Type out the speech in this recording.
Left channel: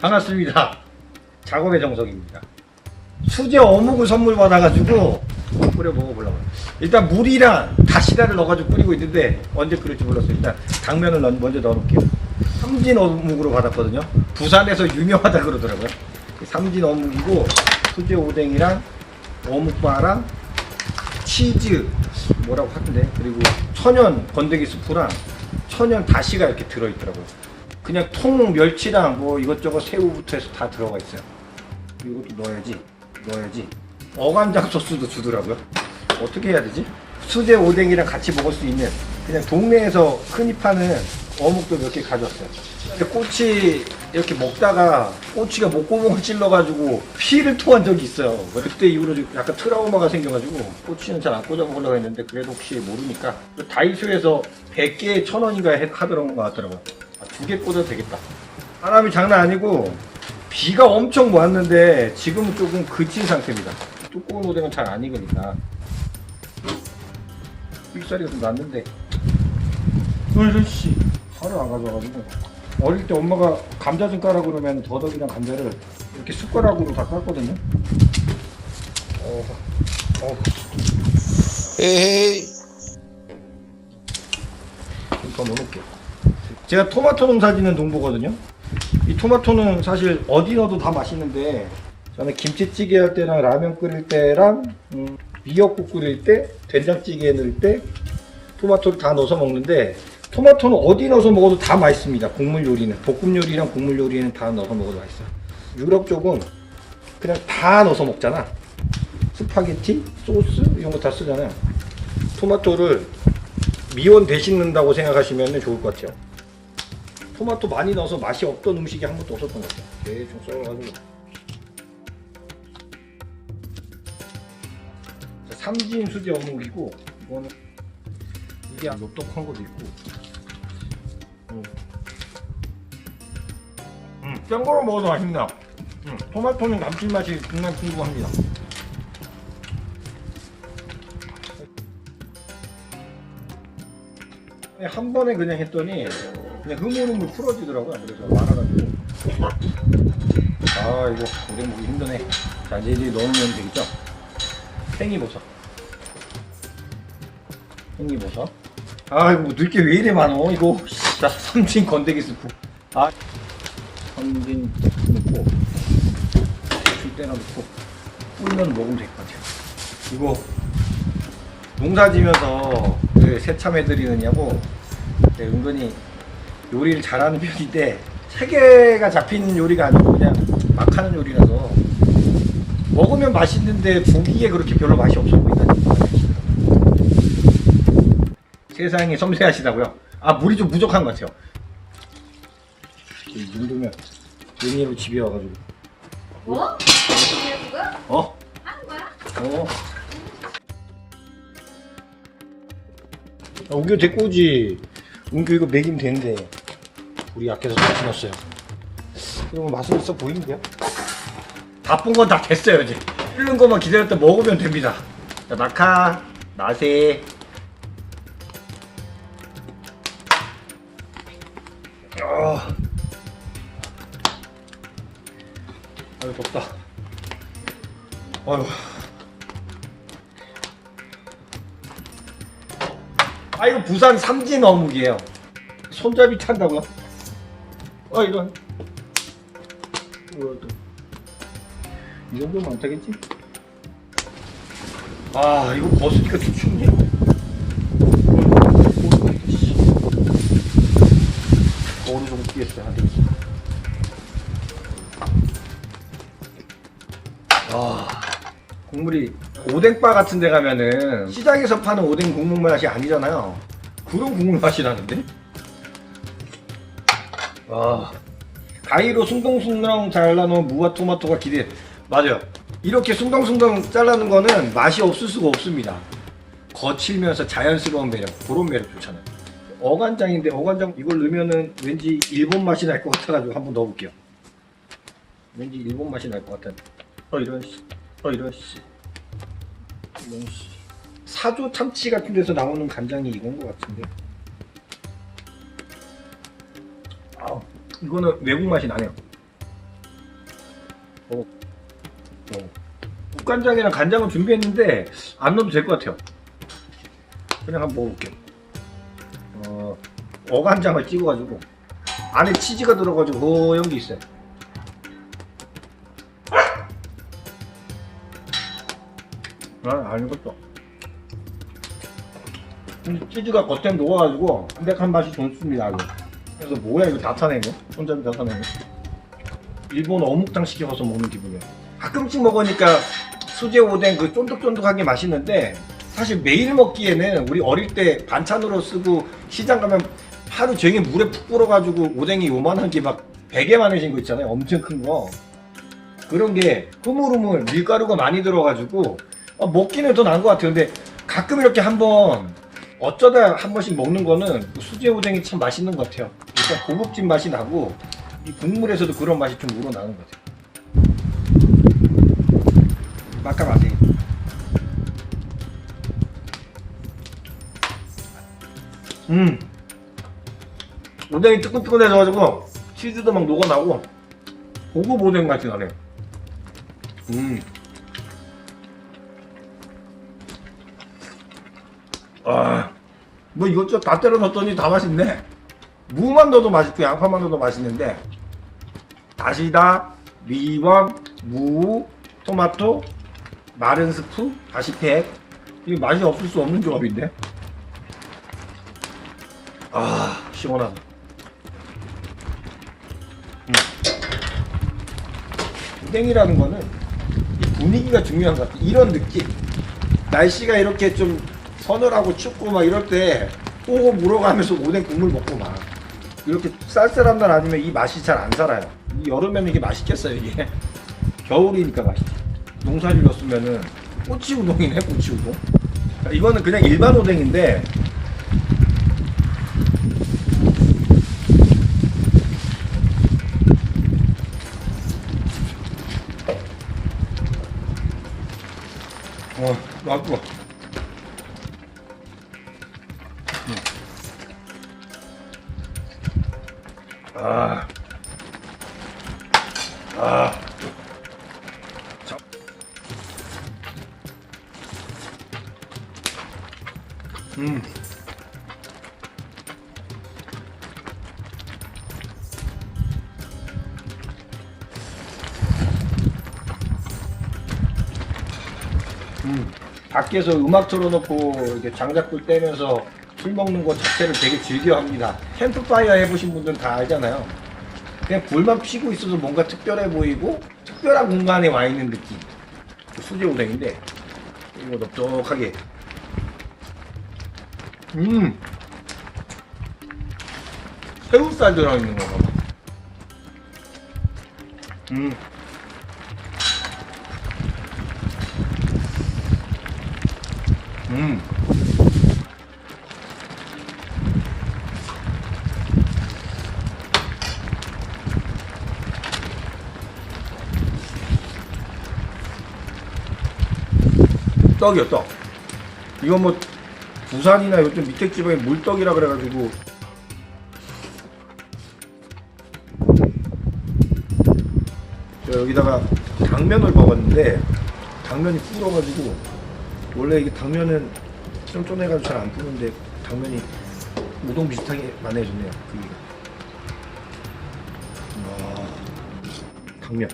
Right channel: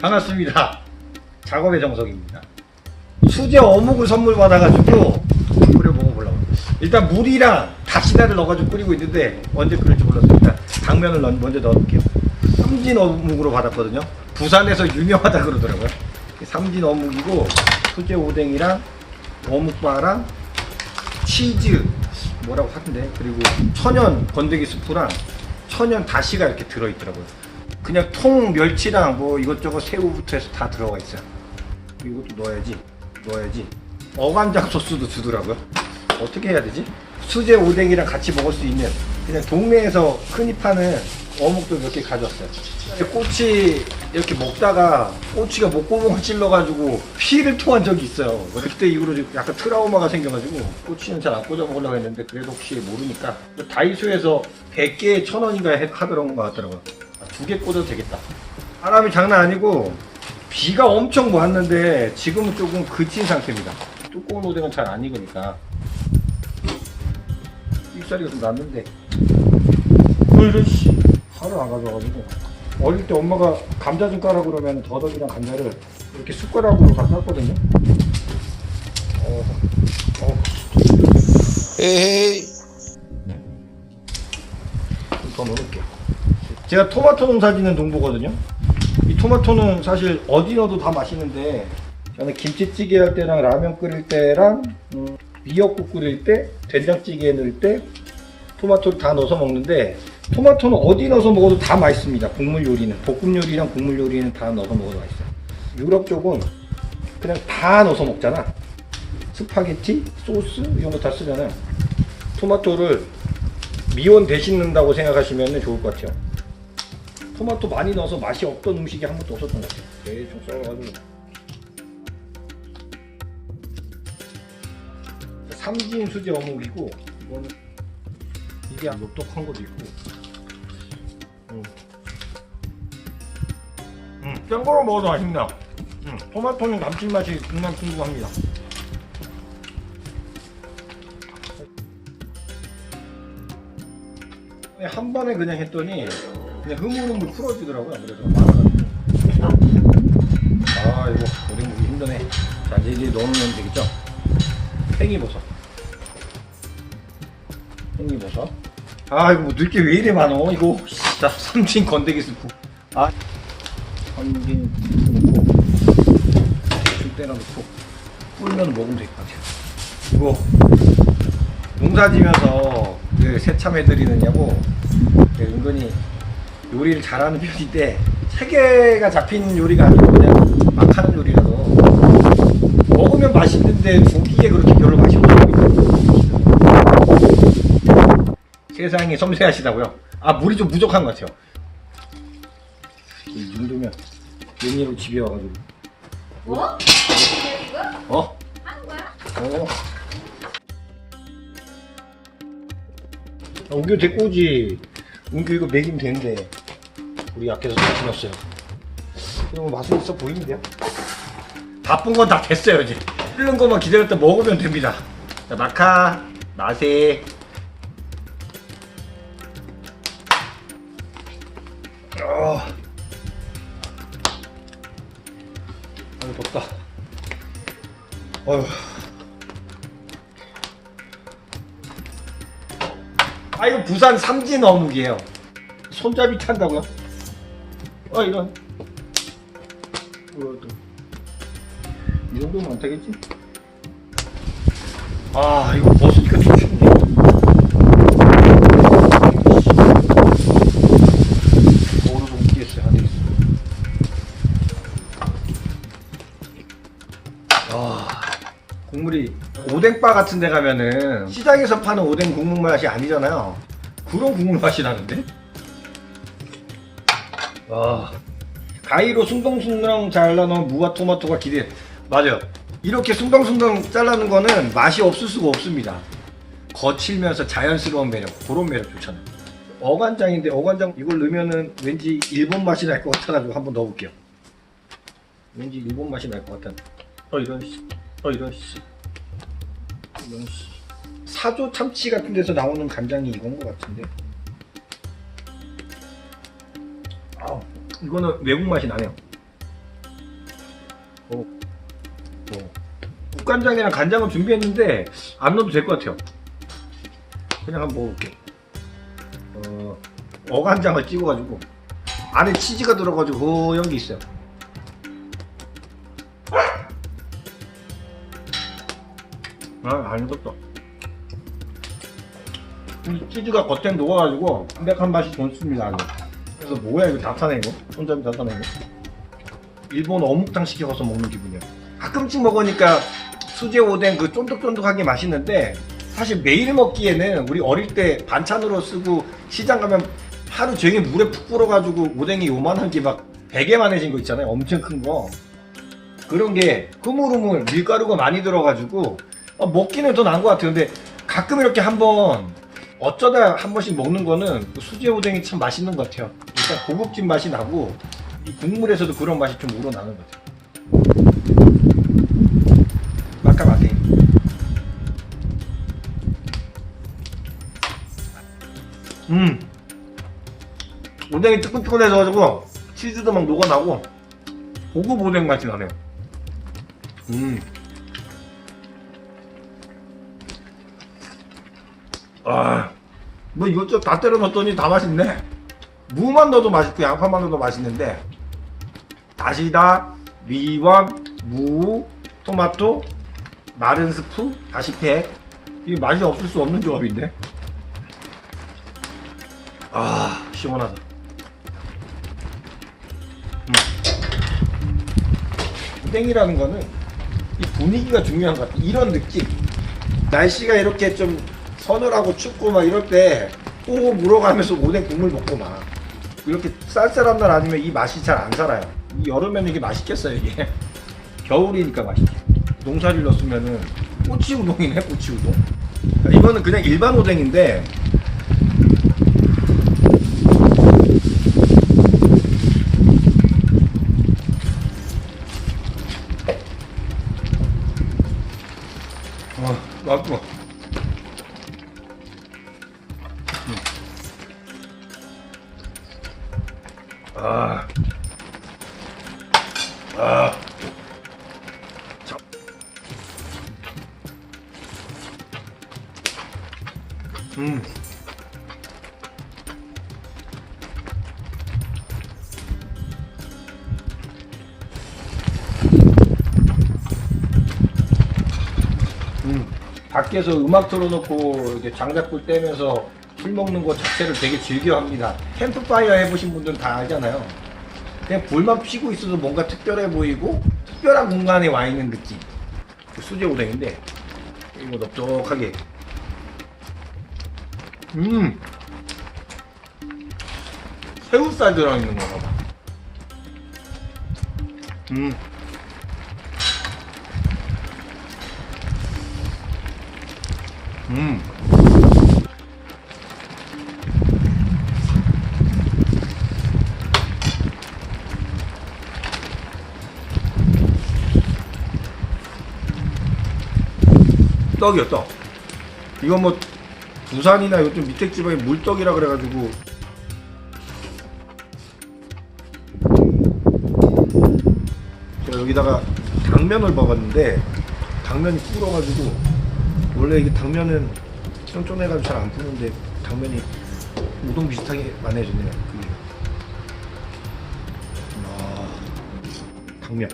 반갑습니다. 작업의 정석입니다. 수제 어묵을 선물 받아가지고 끓여 먹어보려고. 일단 물이랑 다시다를 넣어가지고 끓이고 있는데 언제 끓일지 몰라서 일단 당면을 먼저 넣어볼게요. 삼진 어묵으로 받았거든요. 부산에서 유명하다 그러더라고요. 삼진 어묵이고 수제 오뎅이랑 어묵바랑 치즈 뭐라고 하던데, 그리고 천연 건더기 스프랑 천연 다시가 이렇게 들어있더라고요. 그냥 통 멸치랑 뭐 이것저것 새우부터 해서 다 들어가 있어요. 이것도 넣어야지. 어간장 소스도 주더라고요. 어떻게 해야 되지? 수제 오뎅이랑 같이 먹을 수 있는, 그냥 동네에서 흔히 파는 어묵도 몇 개 가져왔어요. 꼬치 이렇게 먹다가 꼬치가 목구멍을 찔러가지고 피를 토한 적이 있어요. 그때 이후로 약간 트라우마가 생겨가지고 꼬치는 잘 안 꽂아 먹으려고 했는데, 그래도 혹시 모르니까 다이소에서 100개에 1,000원인가 하더라는 것 같더라고요. 2개 꽂아도 되겠다. 바람이 장난 아니고 비가 엄청 왔는데 지금은 조금 그친 상태입니다. 두꺼운 오뎅은 잘 안 익으니까 삑사리가 좀 났는데, 이런 씨 칼을 안 가져와가지고. 어릴 때 엄마가 감자 좀 까라 그러면 더덕이랑 감자를 이렇게 숟가락으로 다 깠거든요. 에헤이. 좀 더 넣어놓을게요. 제가 토마토 농사 짓는 농부거든요. 이 토마토는 사실 어디 넣어도 다 맛있는데, 저는 김치찌개 할 때랑 라면 끓일 때랑 미역국 끓일 때, 된장찌개 넣을 때 토마토를 다 넣어서 먹는데, 토마토는 어디 넣어서 먹어도 다 맛있습니다. 국물 요리는, 볶음 요리랑 국물 요리는 다 넣어서 먹어도 맛있어요. 유럽 쪽은 그냥 다 넣어서 먹잖아. 스파게티, 소스 이런 거 다 쓰잖아요. 토마토를 미원 대신 넣는다고 생각하시면 좋을 것 같아요. 토마토 많이 넣어서 맛이 없던 음식이 한 번도 없었던 것 같아요. 대충 썰어가지고. 삼진 수제 어묵이고, 이거는 이게 녹독한 것도 있고, 생거로 먹어도 맛있네요. 토마토는 감칠맛이 정말 궁금합니다. 한 번에 그냥 했더니 그냥 흐물흐물 풀어지더라고요. 그래서 많아가지고. 이거 오뎅 먹기 힘드네. 자, 이제 넣어놓으면 되겠죠? 팽이버섯. 이거 뭐 넣을 게 왜 이래 많어 이거. 자, 삼진 건더기 스프. 삼진 넣고 대충 때려 넣고 불면 먹으면 될 것 같아요. 이거 농사 지면서 그 새참 해드리느냐고 은근히 요리를 잘하는 편인데, 체계가 잡힌 요리가 아니고 그냥 막 하는 요리라서 먹으면 맛있는데 보기에 그렇게 별로 맛이 없어 보인다. 세상이 섬세하시다고요? 물이 좀 부족한 것 같아요. 이 정도면 연예로 집에 와가지고. 뭐? 어? 하는 거야? 은규 데리고 오지. 은규 이거 먹이면 되는데 우리 약해서 다 죽었어요. 그러면 맛은 있어 보이는데요? 바쁜 건 다 됐어요. 이제 끓는 것만 기다렸다 먹으면 됩니다. 자, 마카 맛에. 아유 덥다. 이거 부산 삼진 어묵이에요. 손잡이 탄다고요? 이런. 이 정도면 안 타겠지? 이거 벗으니까 좀 춥네. 어느 정도 뛰겠어요. 안 되겠어. 국물이 오뎅바 같은 데 가면은 시장에서 파는 오뎅 국물 맛이 아니잖아요. 그런 국물 맛이 나는데? 가위로 숭덩숭덩 잘라놓은 무와 토마토가 기대. 맞아요. 이렇게 숭덩숭덩 잘라놓은 거는 맛이 없을 수가 없습니다. 거칠면서 자연스러운 매력, 그런 매력 좋잖아요. 어간장인데, 어간장 이걸 넣으면은 왠지 일본 맛이 날 것 같아가지고 한번 넣어볼게요. 왠지 일본 맛이 날 것 같은. 이런 사조 참치 같은 데서 나오는 간장이 이건 것 같은데. 이거는 외국 맛이 나네요. 국간장이랑 간장을 준비했는데 안 넣어도 될 것 같아요. 그냥 한번 먹어볼게요. 어간장을 찍어가지고 안에 치즈가 들어가지고 허연 게 있어요. 안 익었어. 치즈가 겉에 녹아가지고 담백한 맛이 좋습니다. 아주. 그래서 뭐야 이거 다 타네 이거. 손잡이 다 타네 이거. 일본 어묵탕 시켜서 먹는 기분이야. 가끔씩 먹으니까 수제 오뎅 그 쫀득쫀득하게 맛있는데 사실 매일 먹기에는 우리 어릴 때 반찬으로 쓰고 시장 가면 하루 종일 물에 푹 불어가지고 오뎅이 요만한 게 막 베개만해진 거 있잖아요. 엄청 큰 거. 그런 게 흐물흐물 밀가루가 많이 들어가지고 먹기는 더 나은 것 같아요. 근데 가끔 이렇게 한번 어쩌다 한 번씩 먹는 거는 수제 오뎅이 참 맛있는 것 같아요. 일단 고급진 맛이 나고 이 국물에서도 그런 맛이 좀 우러나는 것 같아요. 막가마탱이. 오뎅이 뜨끈뜨끈해져가지고 치즈도 막 녹아나고 고급 오뎅 맛이 나네요. 뭐 이것저것 다 때려 넣었더니 다 맛있네. 무만 넣어도 맛있고 양파만 넣어도 맛있는데 다시다, 미원, 무, 토마토, 마른 스프, 다시팩 이게 맛이 없을 수 없는 조합인데. 시원하다. 오뎅이라는 거는 이 분위기가 중요한 것 같아. 이런 느낌. 날씨가 이렇게 좀 서늘하고 춥고 막 이럴 때 꼬고 물어가면서 오뎅 국물 먹고 막 이렇게 쌀쌀한 날 아니면 이 맛이 잘 안 살아요. 이 여름에는 이게 맛있겠어요 이게. 겨울이니까 맛있지. 농사를 넣었으면은 꼬치 우동이네. 꼬치 우동. 이거는 그냥 일반 오뎅인데 맛있어. 밖에서 음악 틀어놓고 이렇게 장작불 떼면서 술 먹는 거 자체를 되게 즐겨합니다. 캠프파이어 해보신 분들은 다 알잖아요. 그냥 불만 피고 있어도 뭔가 특별해 보이고 특별한 공간에 와 있는 느낌. 수제 오뎅인데 이거 넓적하게. 새우살 들어있는 건가 봐. 떡이요, 떡. 이거 뭐 부산이나 요즘 밑에 지방에 물떡이라 그래가지고 제가 여기다가 당면을 먹었는데 당면이 불어가지고 원래 이게 당면은 쫀쫀해가지고 잘 안 푸는데 당면이 우동 비슷하게 많이 해줬네요. 당면.